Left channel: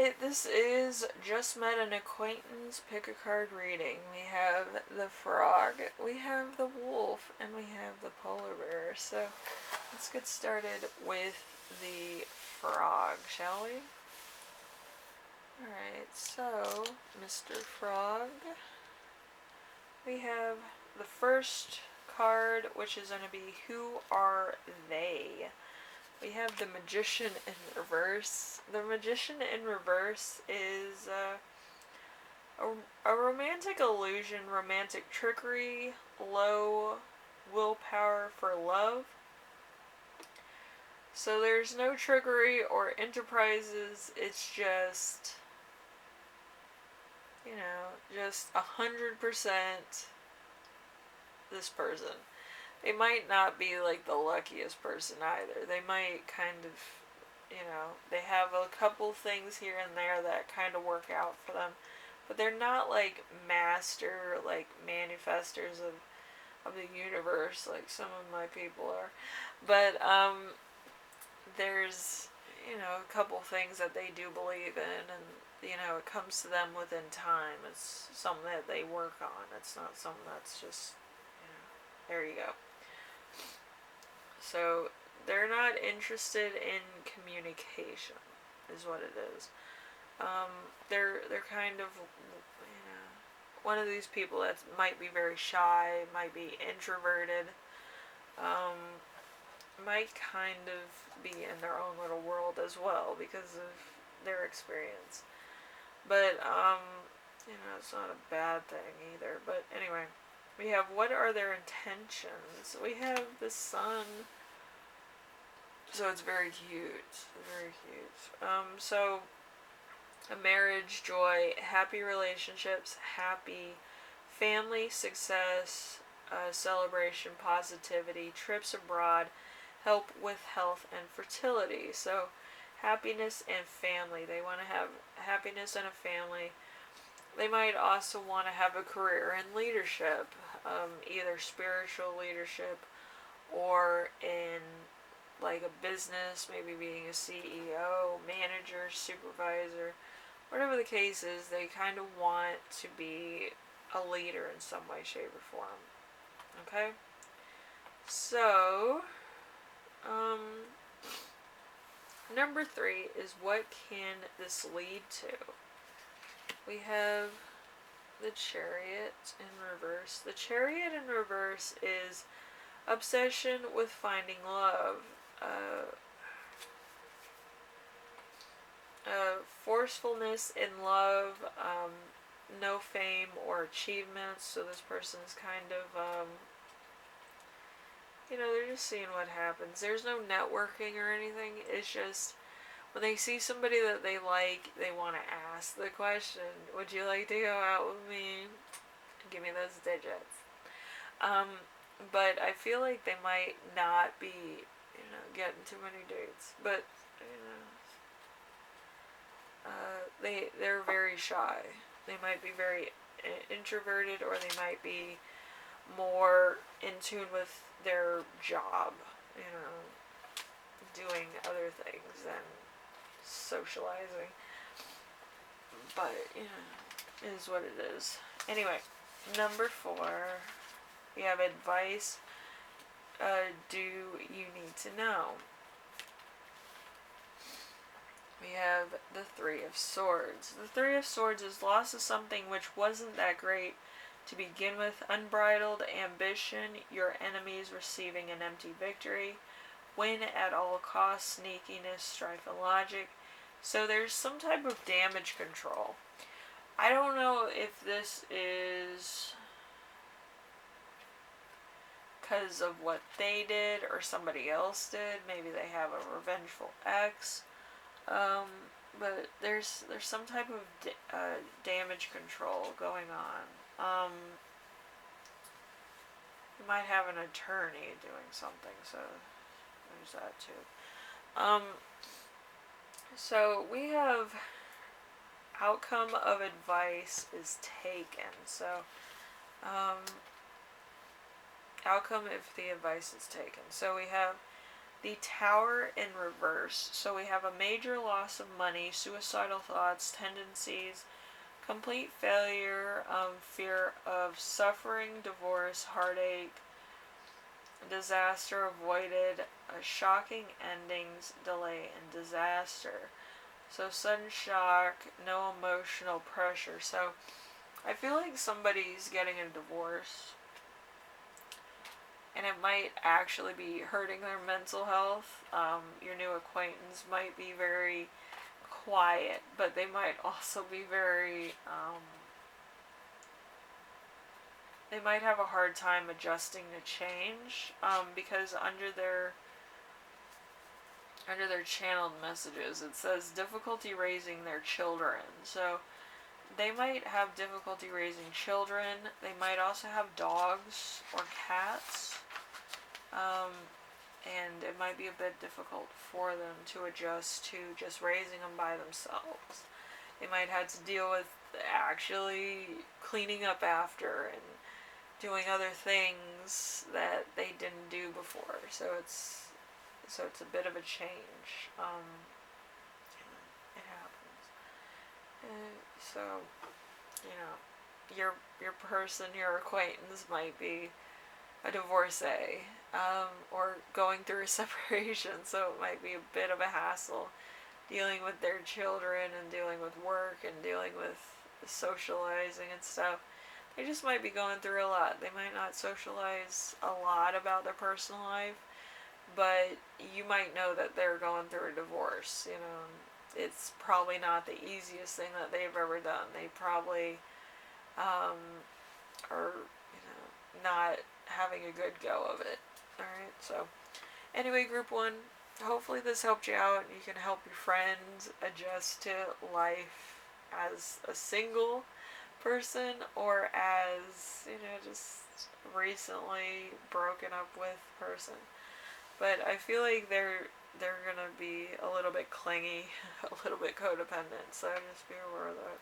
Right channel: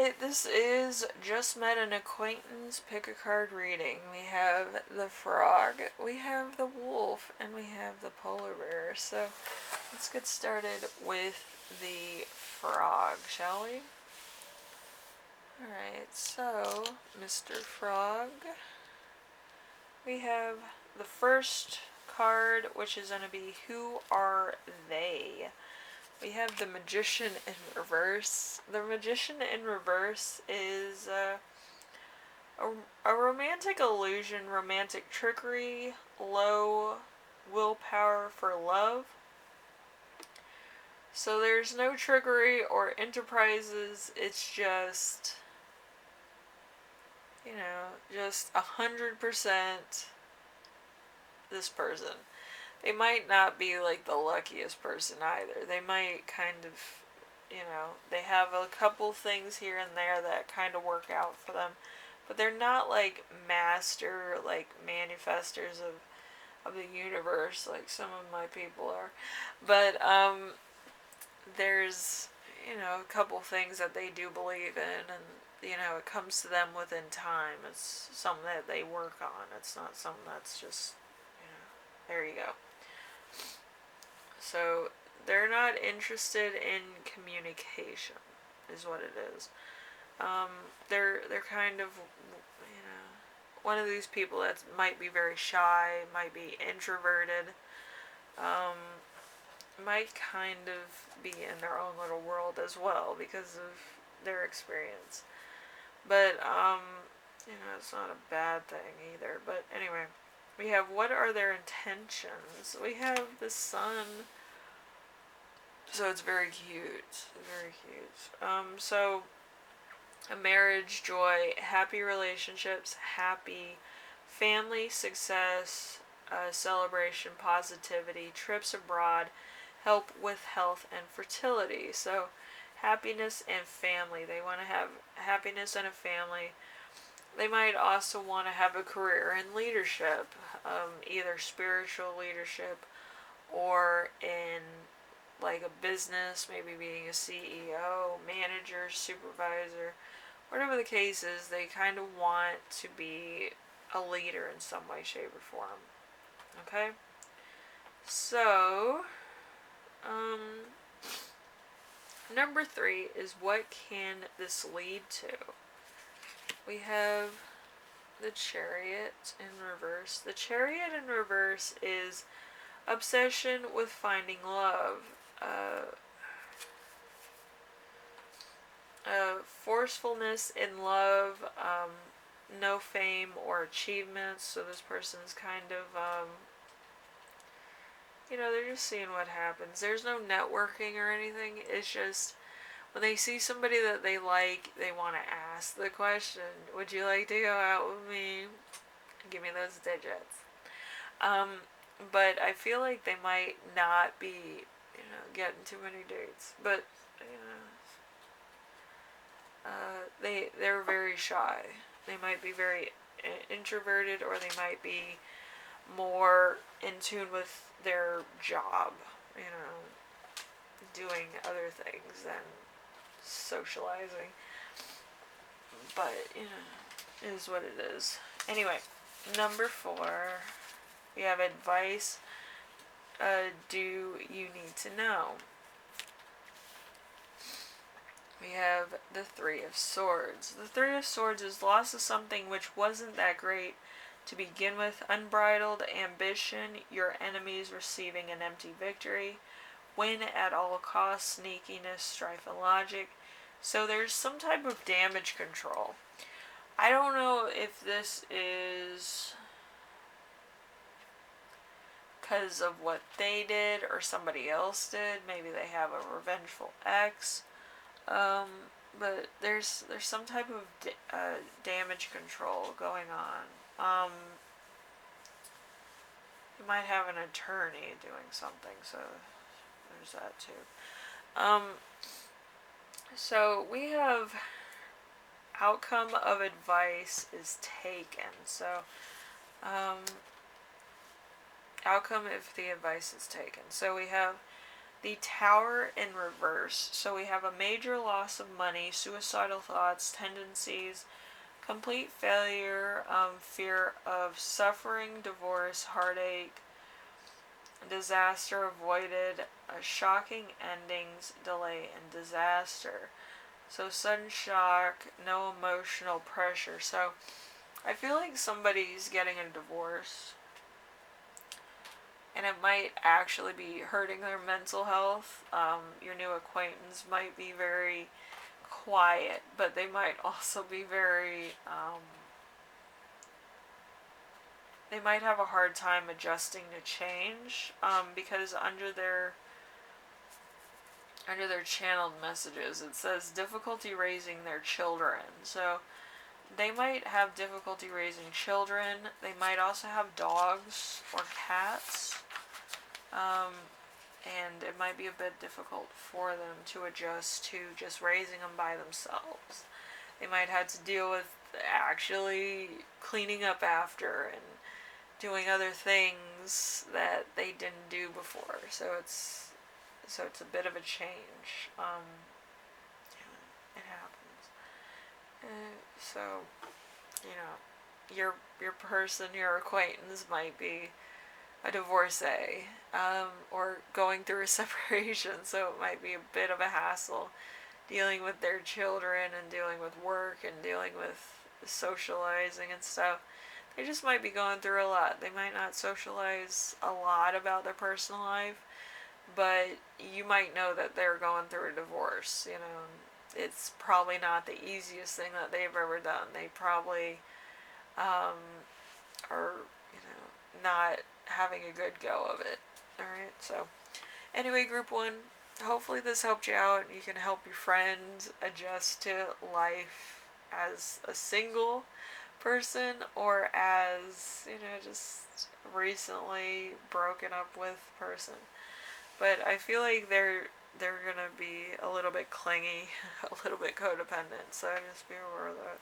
Alright, this is Just Met an Acquaintance Pick a Card reading. We have the frog, we have the wolf, and we have the polar bear. So let's get started with the frog, shall we? Alright, so Mr. Frog, we have the first card, which is going to be Who Are They? We have the Magician in reverse. The Magician in reverse is a romantic illusion, romantic trickery, low willpower for love. So there's no trickery or enterprises. It's just, just 100% this person. They might not be like the luckiest person either. They might kind of, they have a couple things here and there that kind of work out for them. But they're not like master, like manifestors of the universe like some of my people are. But there's, a couple things that they do believe in, and, it comes to them within time. It's something that they work on. It's not something that's just, there you go. So they're not interested in communication, is what it is. They're kind of, one of these people that might be very shy, might be introverted, might kind of be in their own little world as well because of their experience. But it's not a bad thing either. But anyway. We have, what are their intentions? We have the sun. So it's very cute. Very cute. So, a marriage, joy, happy relationships, happy family, success, celebration, positivity, trips abroad, help with health and fertility. So, happiness and family. They want to have happiness and a family. They might also want to have a career in leadership, either spiritual leadership or in like a business, maybe being a CEO, manager, supervisor, whatever the case is. They kind of want to be a leader in some way, shape, or form. Okay? So, number 3 is, what can this lead to? We have the Chariot in reverse. The Chariot in reverse is obsession with finding love. Forcefulness in love, no fame or achievements. So this person's kind of, they're just seeing what happens. There's no networking or anything. It's just, when they see somebody that they like, they want to ask the question, would you like to go out with me? Give me those digits. But I feel like they might not be, getting too many dates. But, they're very shy. They might be very introverted, or they might be more in tune with their job, doing other things than socializing. But, it is what it is. Anyway, number 4, we have advice. Do you need to know? We have the 3 of Swords. The 3 of Swords is loss of something which wasn't that great to begin with. Unbridled ambition, your enemies receiving an empty victory. Win at all costs, sneakiness, strife, and logic. So there's some type of damage control. I don't know if this is because of what they did or somebody else did. Maybe they have a revengeful ex. But there's some type of damage control going on. You might have an attorney doing something, so there's that too. So we have outcome of advice is taken. So, outcome if the advice is taken. So we have The Tower in reverse. So we have a major loss of money, suicidal thoughts, tendencies, complete failure, fear of suffering, divorce, heartache, disaster avoided, shocking endings, delay, and disaster. So sudden shock, no emotional pressure. So I feel like somebody's getting a divorce, and it might actually be hurting their mental health. Your new acquaintance might be very quiet, but they might also be very, they might have a hard time adjusting to change, because under their channeled messages it says difficulty raising their children. So they might have difficulty raising children. They might also have dogs or cats. And it might be a bit difficult for them to adjust to just raising them by themselves. They might have to deal with actually cleaning up after and doing other things that they didn't do before. So it's a bit of a change. It happens. So, your person, your acquaintance might be a divorcee, or going through a separation, so it might be a bit of a hassle dealing with their children and dealing with work and dealing with socializing and stuff. They just might be going through a lot. They might not socialize a lot about their personal life, but you might know that they're going through a divorce. It's probably not the easiest thing that they've ever done. They probably are, not having a good go of it. Alright, so anyway, group 1, hopefully this helped you out. You can help your friends adjust to life as a single person or as, just recently broken up with person. But I feel like they're gonna be a little bit clingy, a little bit codependent, so just be aware of that.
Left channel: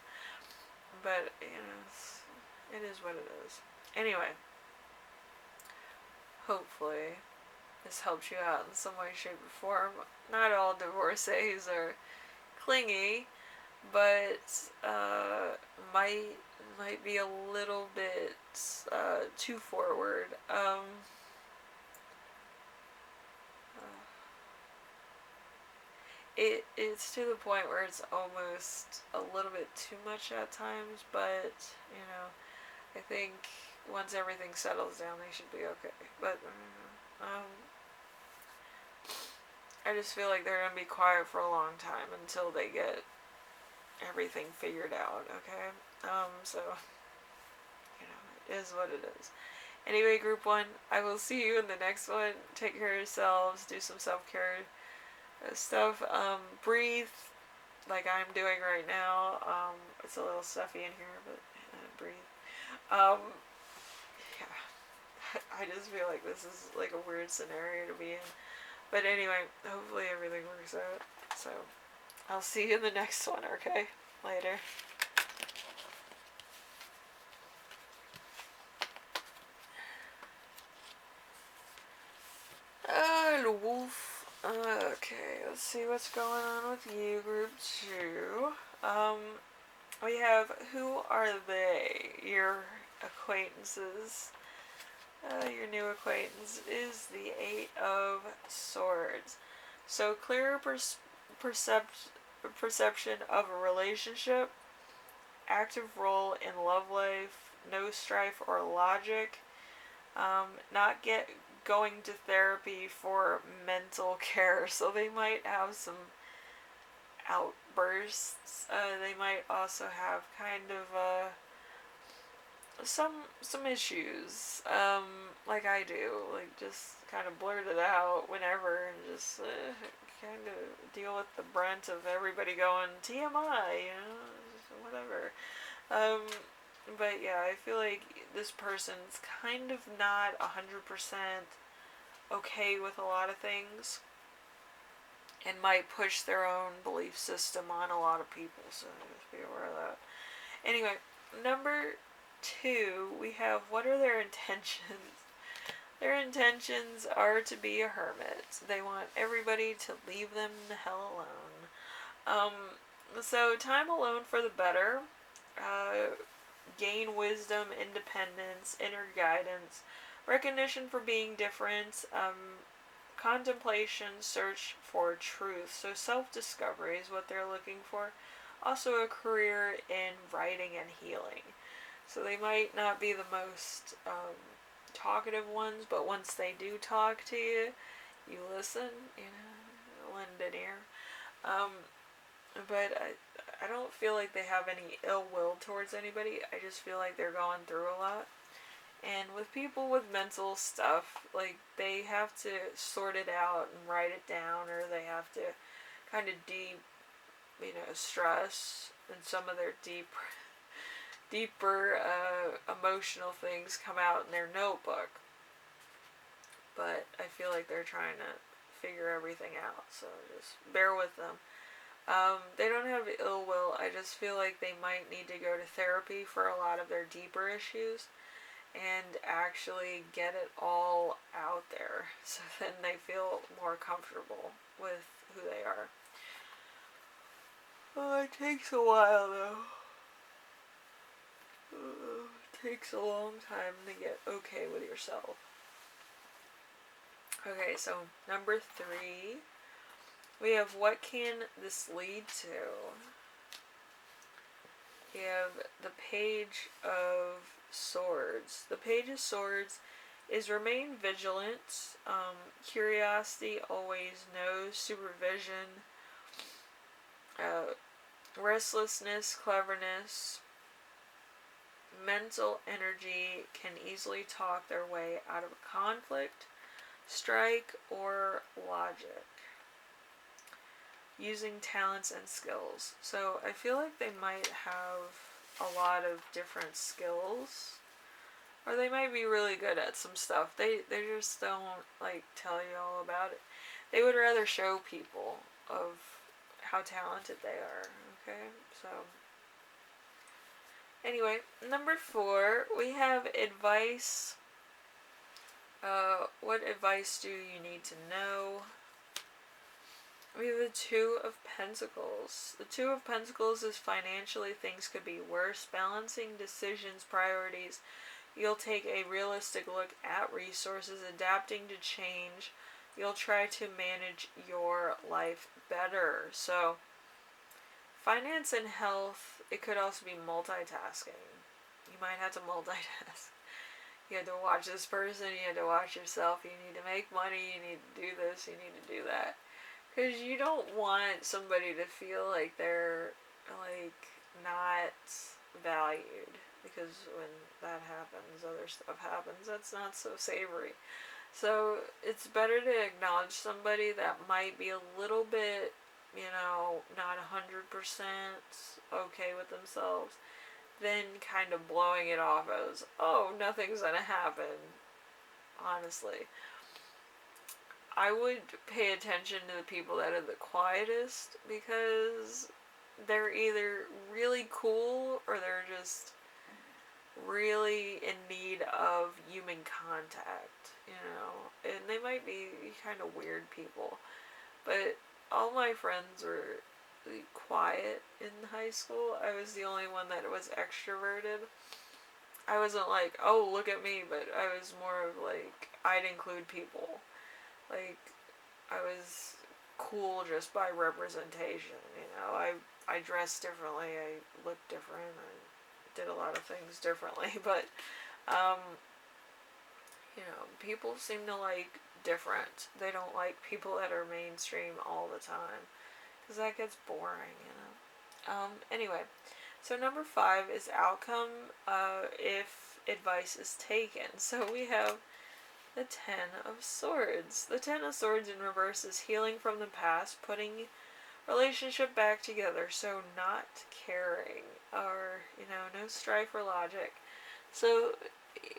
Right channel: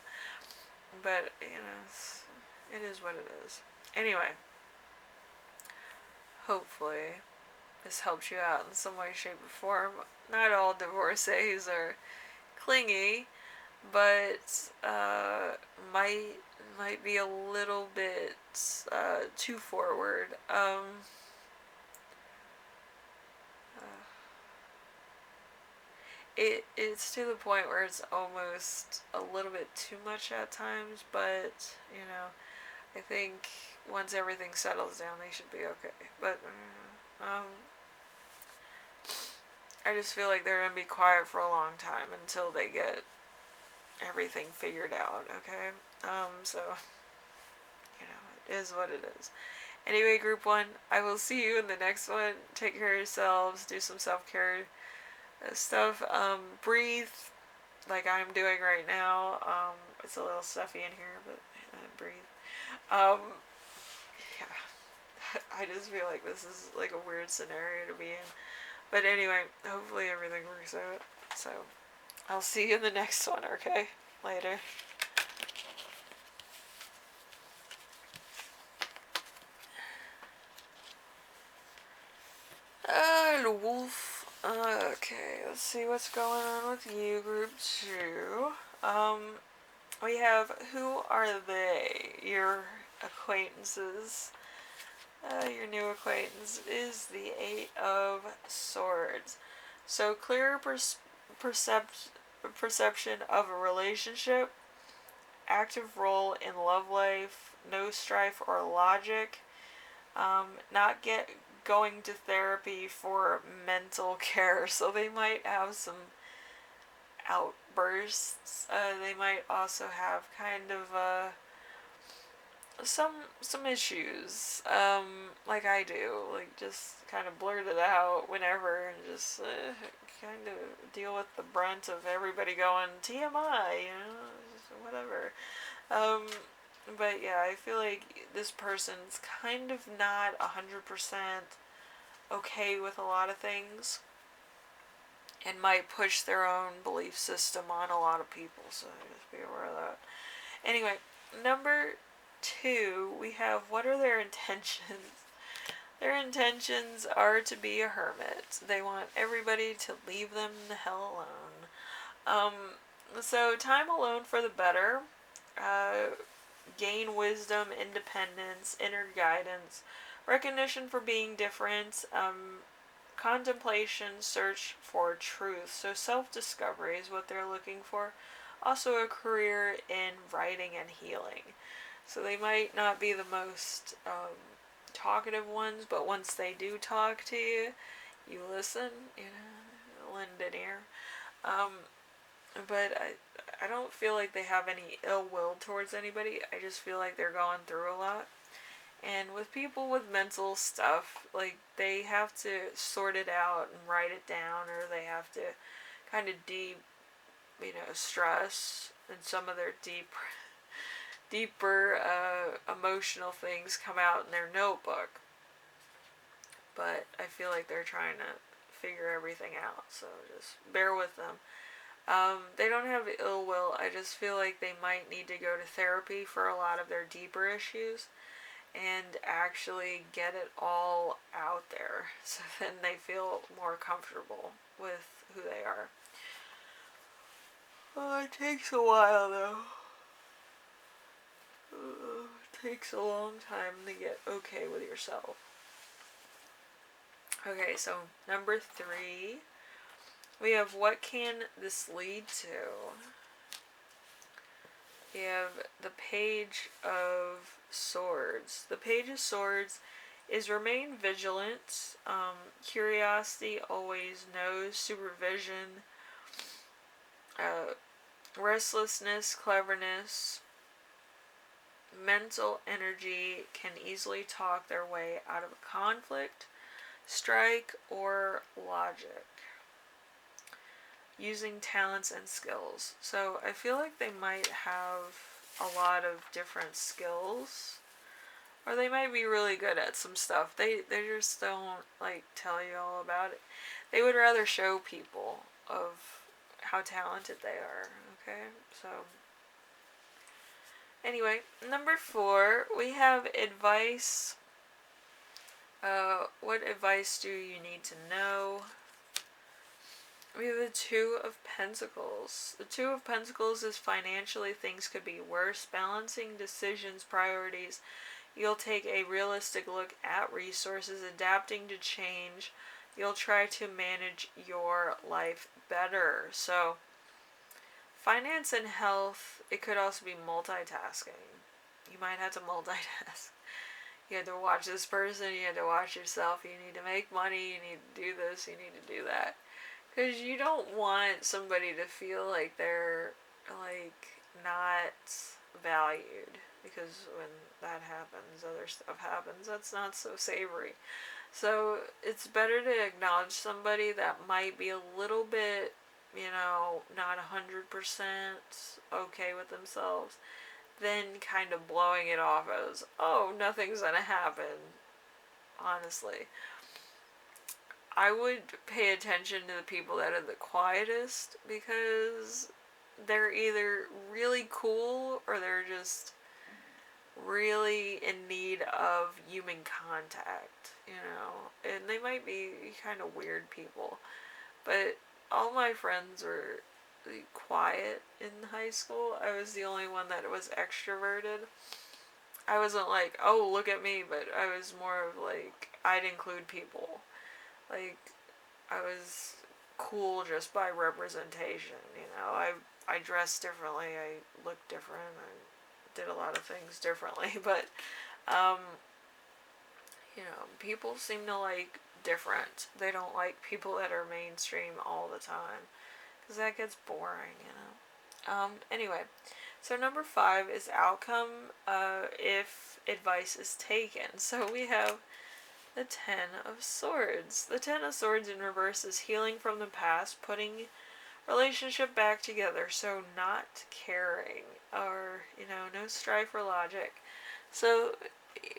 But, it is what it is. Anyway, hopefully this helps you out in some way, shape, or form. Not all divorcees are clingy, but might be a little bit too forward. It's to the point where it's almost a little bit too much at times, but I think once everything settles down, they should be okay. But I just feel like they're gonna be quiet for a long time until they get everything figured out. Okay, so it is what it is. Anyway, group 1, I will see you in the next one. Take care of yourselves. Do some self-care stuff. Breathe like I'm doing right now. It's a little stuffy in here, but breathe. Yeah, I just feel like this is like a weird scenario to be in. But anyway, hopefully everything works out. So, I'll see you in the next one, okay? Later. The wolf. Okay, let's see what's going on with you, group 2. We have, who are they? Your acquaintances. Your new acquaintance is the 8 of Swords. So clearer perception of a relationship, active role in love life, no strife or logic, not going to therapy for mental care. So they might have some outbursts. They might also have kind of some issues, like I do, like just kind of blurt it out whenever and just kind of deal with the brunt of everybody going TMI, whatever. But yeah, I feel like this person's kind of not 100% okay with a lot of things and might push their own belief system on a lot of people, so just be aware of that. Anyway, number 2, we have, what are their intentions? Their intentions are to be a hermit. They want everybody to leave them the hell alone. So time alone for the better. Uh, Gain wisdom, independence, inner guidance, recognition for being different, contemplation, search for truth. So self-discovery is what they're looking for. Also a career in writing and healing. So they might not be the most talkative ones, but once they do talk to you, you listen, lend an ear. Um, but I don't feel like they have any ill will towards anybody. I just feel like they're going through a lot. And with people with mental stuff, like, they have to sort it out and write it down, or they have to kind of stress, and some of their deeper emotional things come out in their notebook. But I feel like they're trying to figure everything out, so just bear with them. They don't have ill will. I just feel like they might need to go to therapy for a lot of their deeper issues and actually get it all out there, so then they feel more comfortable with who they are. Well, it takes a while though. It takes a long time to get okay with yourself. Okay, so number 3, we have what can this lead to? We have the Page of Swords. The Page of Swords is remain vigilant, curiosity always knows, supervision, restlessness, cleverness, mental energy, can easily talk their way out of a conflict, strike, or logic, using talents and skills. So I feel like they might have a lot of different skills, or they might be really good at some stuff. They just don't like tell you all about it. They would rather show people of how talented they are. Okay, so anyway, number 4, we have advice. What advice do you need to know? We have the 2 of Pentacles. The 2 of Pentacles is financially things could be worse. Balancing decisions, priorities. You'll take a realistic look at resources, adapting to change. You'll try to manage your life better. So, finance and health, it could also be multitasking. You might have to multitask. You have to watch this person, you have to watch yourself, you need to make money, you need to do this, you need to do that. Because you don't want somebody to feel like they're, like, not valued. Because when that happens, other stuff happens. That's not so savory. So it's better to acknowledge somebody that might be a little bit, not 100% okay with themselves, than kind of blowing it off as, oh, nothing's gonna happen. Honestly, I would pay attention to the people that are the quietest, because they're either really cool or they're just really in need of human contact, and they might be kind of weird people. But all my friends were quiet in high school. I was the only one that was extroverted. I wasn't like, oh, look at me, but I was more of like, I'd include people. Like, I was cool just by representation, I dressed differently, I looked different, I did a lot of things differently, but, people seem to like different. They don't like people that are mainstream all the time, because that gets boring, Anyway, so number 5 is outcome, if advice is taken. So we have the 10 of Swords. The 10 of Swords in reverse is healing from the past, putting relationship back together, so not caring, or, no strife or logic. So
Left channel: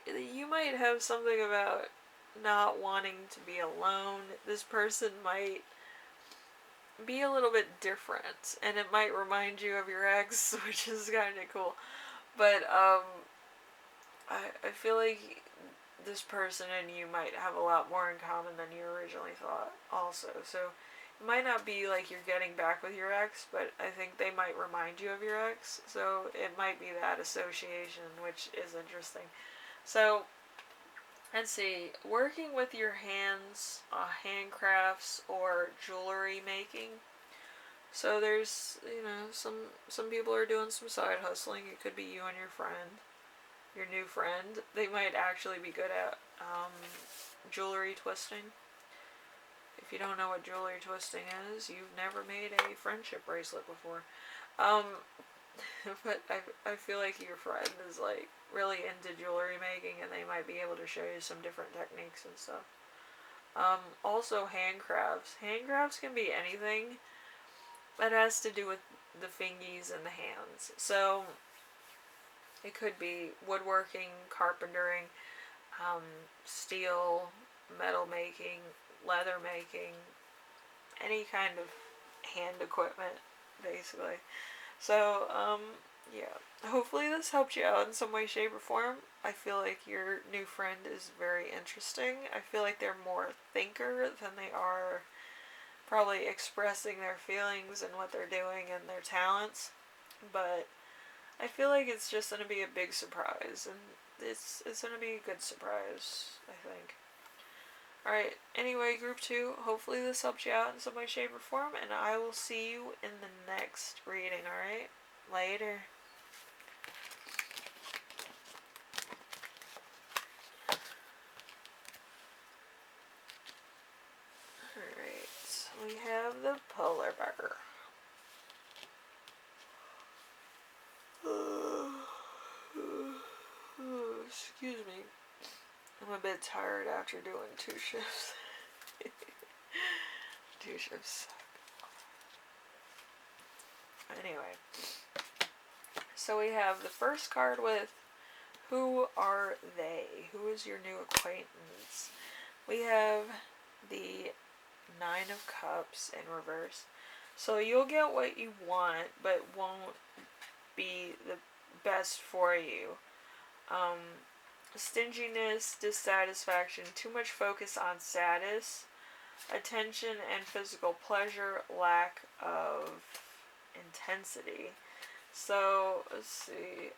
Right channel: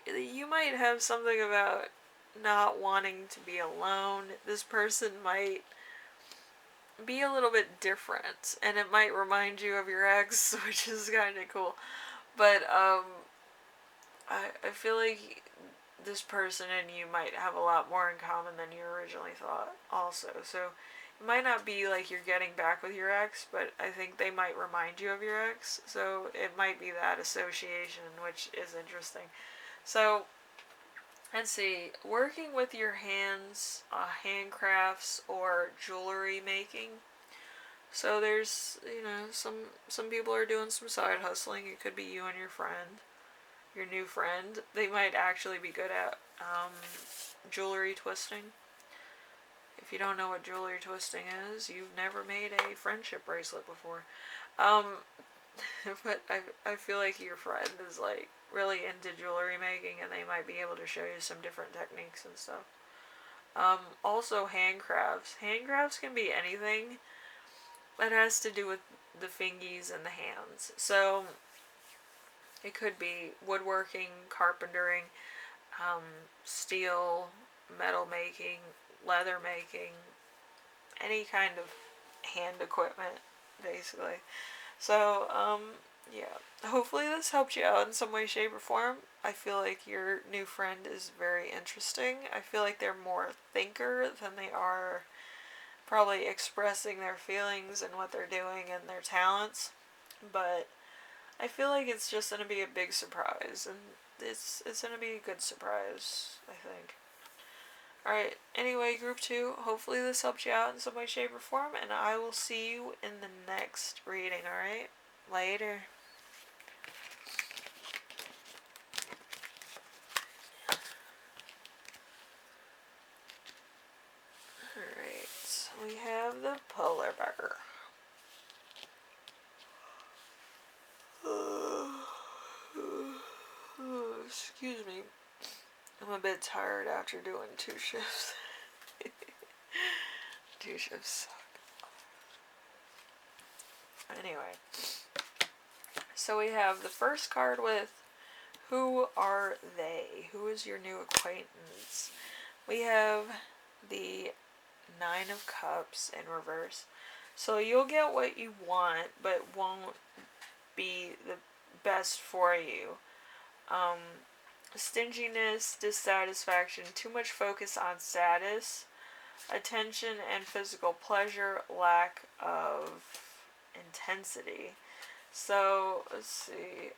you might have something about not wanting to be alone. This person might be a little bit different, and it might remind you of your ex, which is kind of cool. But I feel like this person and you might have a lot more in common than you originally thought also. So it might not be like you're getting back with your ex, but I think they might remind you of your ex. So it might be that association, which is interesting. So let's see, working with your hands, handcrafts or jewelry making. So there's, some people are doing some side hustling. It could be you and your new friend. They might actually be good at jewelry twisting. If you don't know what jewelry twisting is, you've never made a friendship bracelet before. Um, but I feel like your friend is like really into jewelry making, and they might be able to show you some different techniques and stuff. Also handcrafts. Handcrafts can be anything that has to do with the fingies and the hands. So it could be woodworking, carpentering, steel, metal making, leather making, any kind of hand equipment, basically. So, yeah. Hopefully this helped you out in some way, shape, or form. I feel like your new friend is very interesting. I feel like they're more thinker than they are probably expressing their feelings and what they're doing and their talents. But I feel like it's just going to be a big surprise, and it's going to be a good surprise, I think. Alright, anyway, group 2, hopefully this helped you out in some way, shape, or form, and I will see you in the next reading, alright? Later. Alright, we have the polar bear. Excuse me. I'm a bit tired after doing 2 shifts. 2 shifts. Anyway. So we have the first card with who are they? Who is your new acquaintance? We have the 9 of Cups in reverse. So you'll get what you want, but won't be the best for you. Stinginess, dissatisfaction, too much focus on status, attention and physical pleasure, lack of intensity. So, let's see,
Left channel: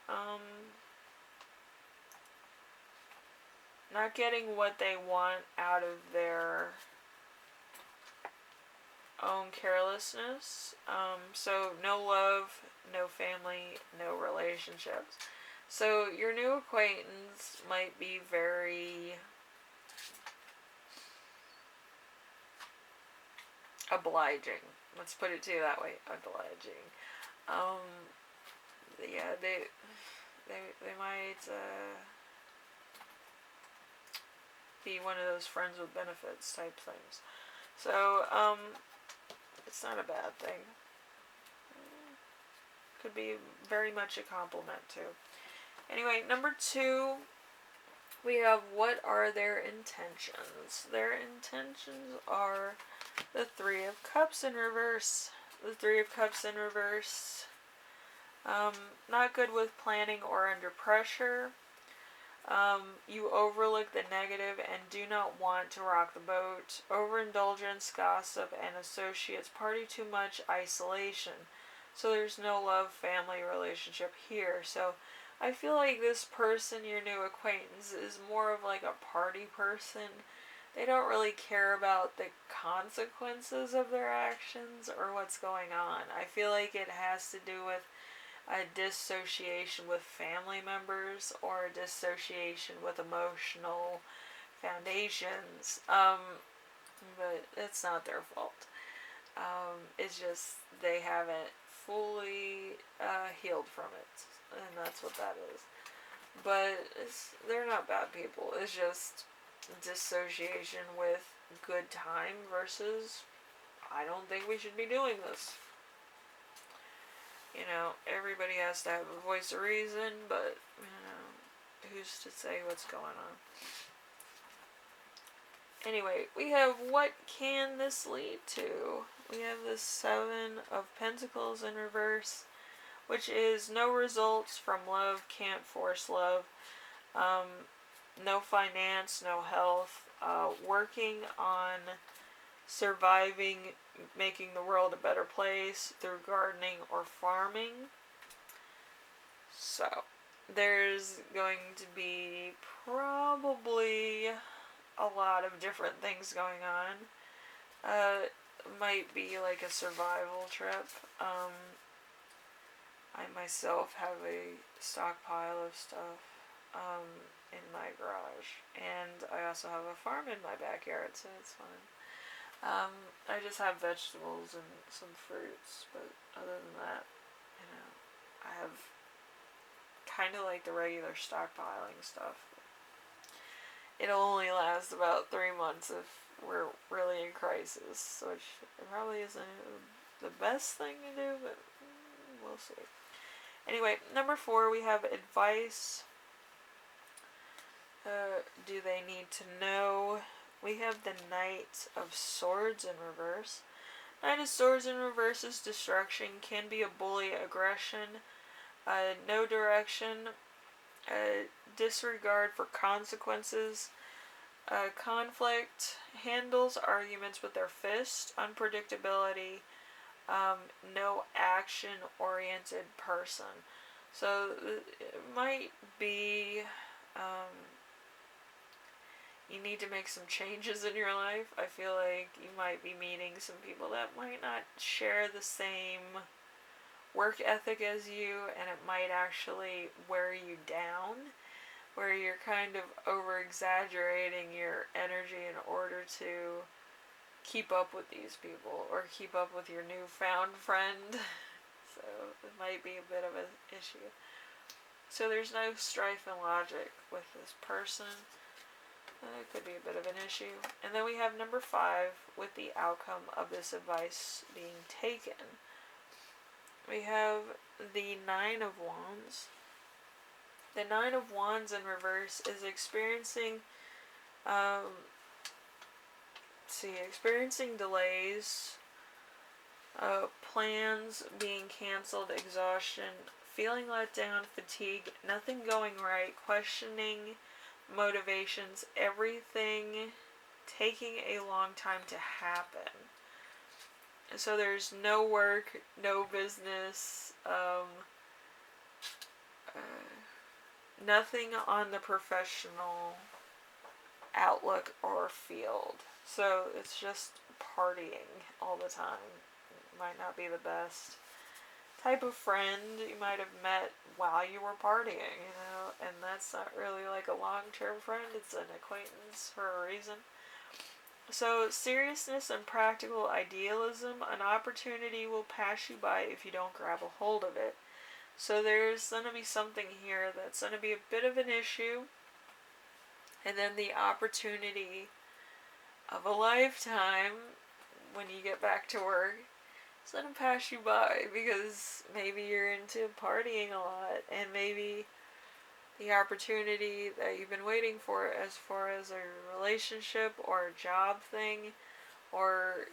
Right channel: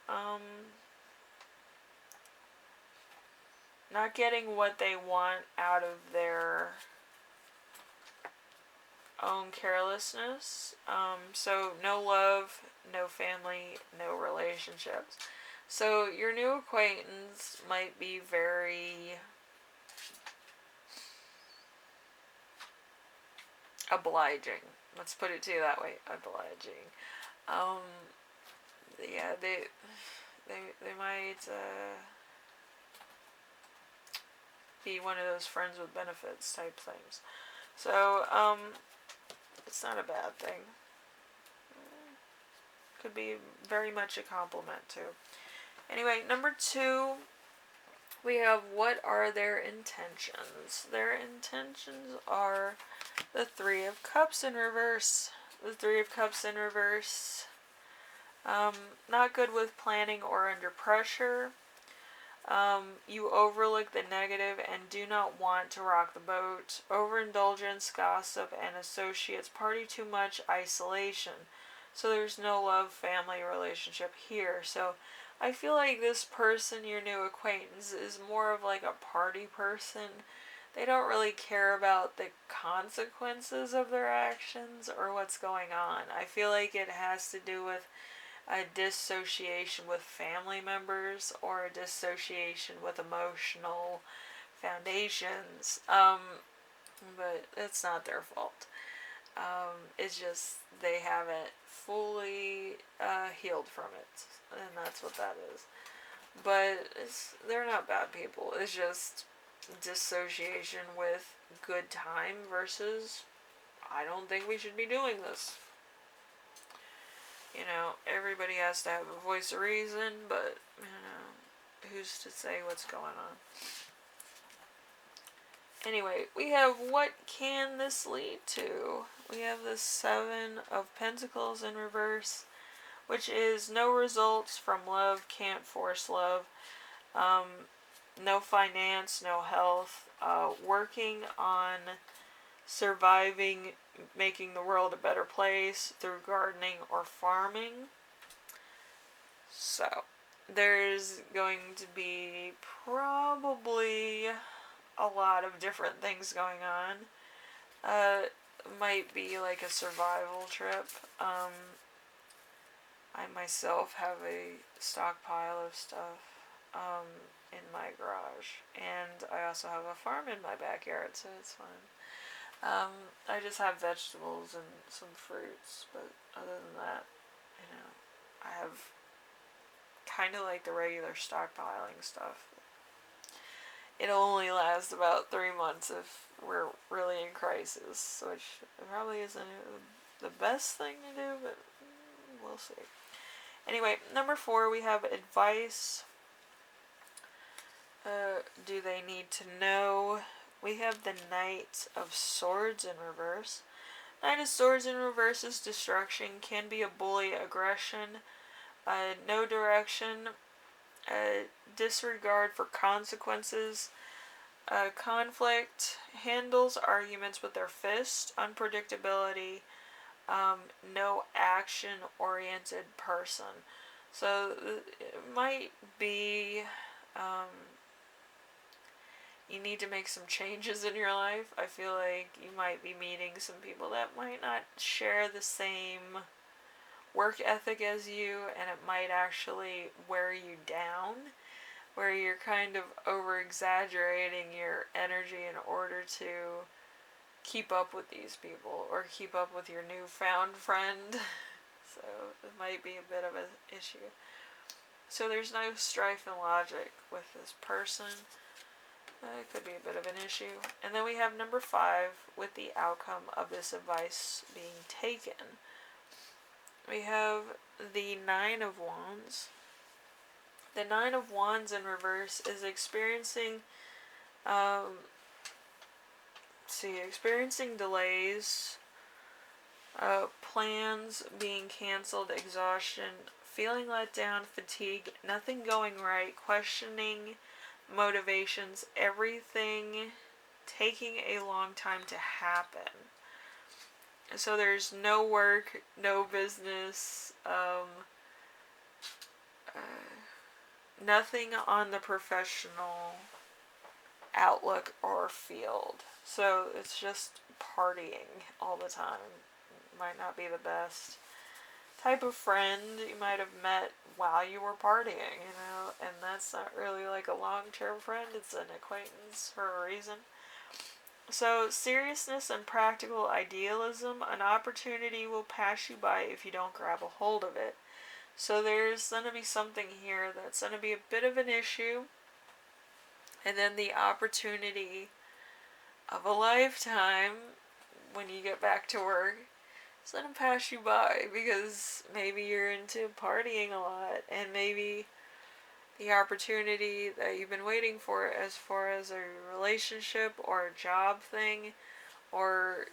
not getting what they want out of their own carelessness. So no love, no family, no relationships. So your new acquaintance might be very obliging. Let's put it to you that way, obliging. Yeah, they might be one of those friends with benefits type things. So, it's not a bad thing. Could be very much a compliment too. Anyway, number 2, we have what are their intentions? Their intentions are the 3 of Cups in reverse. The 3 of Cups in reverse. Not good with planning or under pressure. You overlook the negative and do not want to rock the boat. Overindulgence, gossip, and associates party too much, isolation. So there's no love, family, relationship here. So I feel like this person, your new acquaintance, is more of like a party person. They don't really care about the consequences of their actions or what's going on. I feel like it has to do with a dissociation with family members or a dissociation with emotional foundations. But it's not their fault. It's just they haven't fully healed from it, and that's what that is. But they're not bad people. It's just dissociation with good time versus I don't think we should be doing this. Everybody has to have a voice of reason, but, who's to say what's going on? Anyway, we have what can this lead to? We have the 7 of Pentacles in reverse, which is no results from love, can't force love. no finance, no health, working on surviving, making the world a better place through gardening or farming. So, there's going to be probably a lot of different things going on. Might be like a survival trip. I myself have a stockpile of stuff in my garage, and I also have a farm in my backyard, so it's fun. I just have vegetables and some fruits, but other than that, I have kind of like the regular stockpiling stuff. It'll only last about 3 months if we're really in crisis, which probably isn't the best thing to do, but we'll see. Anyway, number 4, we have advice. Do they need to know? We have the Knight of Swords in reverse. Knight of Swords in reverse is destruction, can be a bully, aggression, no direction, disregard for consequences, conflict, handles arguments with their fist, unpredictability, no action-oriented person. So it might be you need to make some changes in your life. I feel like you might be meeting some people that might not share the same work ethic as you, and it might actually wear you down, where you're kind of over-exaggerating your energy in order to keep up with these people, or keep up with your newfound friend. So it might be a bit of an issue. So there's no strife and logic with this person. It could be a bit of an issue. And then we have number 5 with the outcome of this advice being taken. We have the 9 of Wands. The 9 of Wands in reverse is experiencing experiencing delays, plans being canceled, exhaustion, feeling let down, fatigue, nothing going right, questioning motivations, everything taking a long time to happen. So there's no work, no business, nothing on the professional outlook or field. So it's just partying all the time. Might not be the best type of friend you might have met while you were partying, and that's not really like a long-term friend. It's an acquaintance for a reason. So seriousness and practical idealism, an opportunity will pass you by if you don't grab a hold of it. So there's going to be something here that's going to be a bit of an issue, and then the opportunity of a lifetime when you get back to work, it's going to pass you by, because maybe you're into partying a lot, and maybe the opportunity that you've been waiting for as far as a relationship or a job thing, or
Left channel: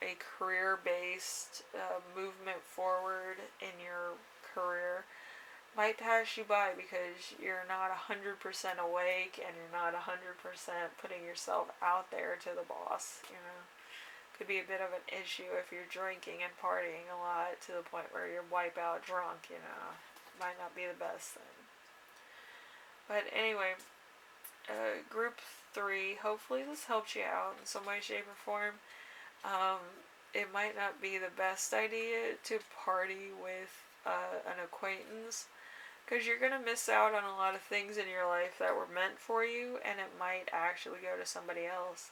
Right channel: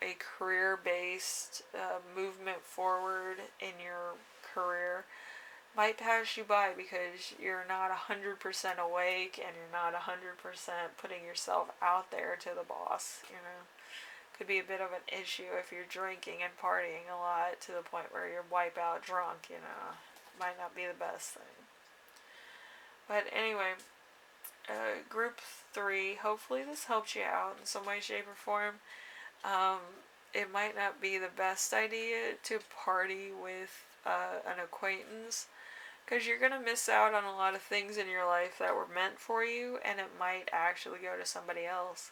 a career-based movement forward in your career, might pass you by because you're not 100% awake, and you're not 100% putting yourself out there to the boss. Could be a bit of an issue if you're drinking and partying a lot to the point where you're wipeout drunk. Might not be the best thing. But anyway, group 3, hopefully this helps you out in some way, shape, or form. It might not be the best idea to party with an acquaintance, because you're going to miss out on a lot of things in your life that were meant for you, and it might actually go to somebody else.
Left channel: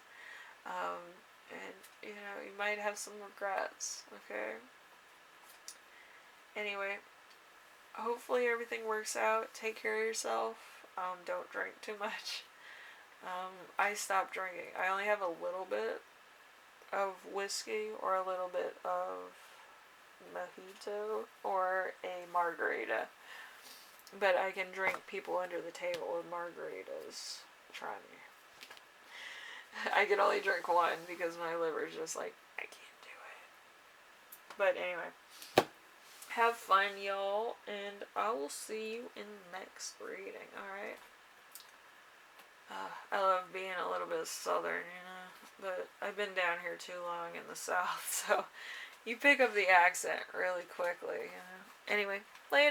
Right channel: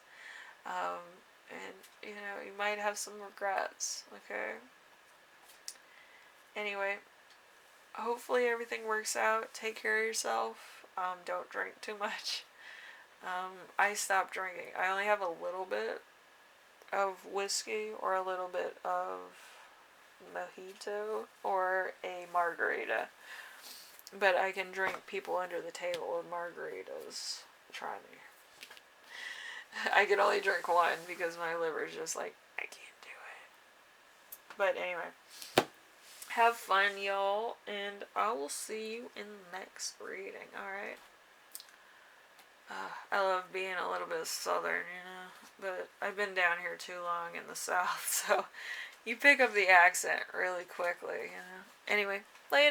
And you might have some regrets, okay? Anyway, hopefully everything works out. Take care of yourself. Don't drink too much. I stopped drinking. I only have a little bit of whiskey, or a little bit of mojito, or a margarita. But I can drink people under the table with margaritas. Try me. I can only drink one because my liver's just like, I can't do it. But anyway, have fun, y'all, and I will see you in the next reading, alright? I love being a little bit southern, you know. But I've been down here too long in the south, so you pick up the accent really quickly, you know. Anyway, later.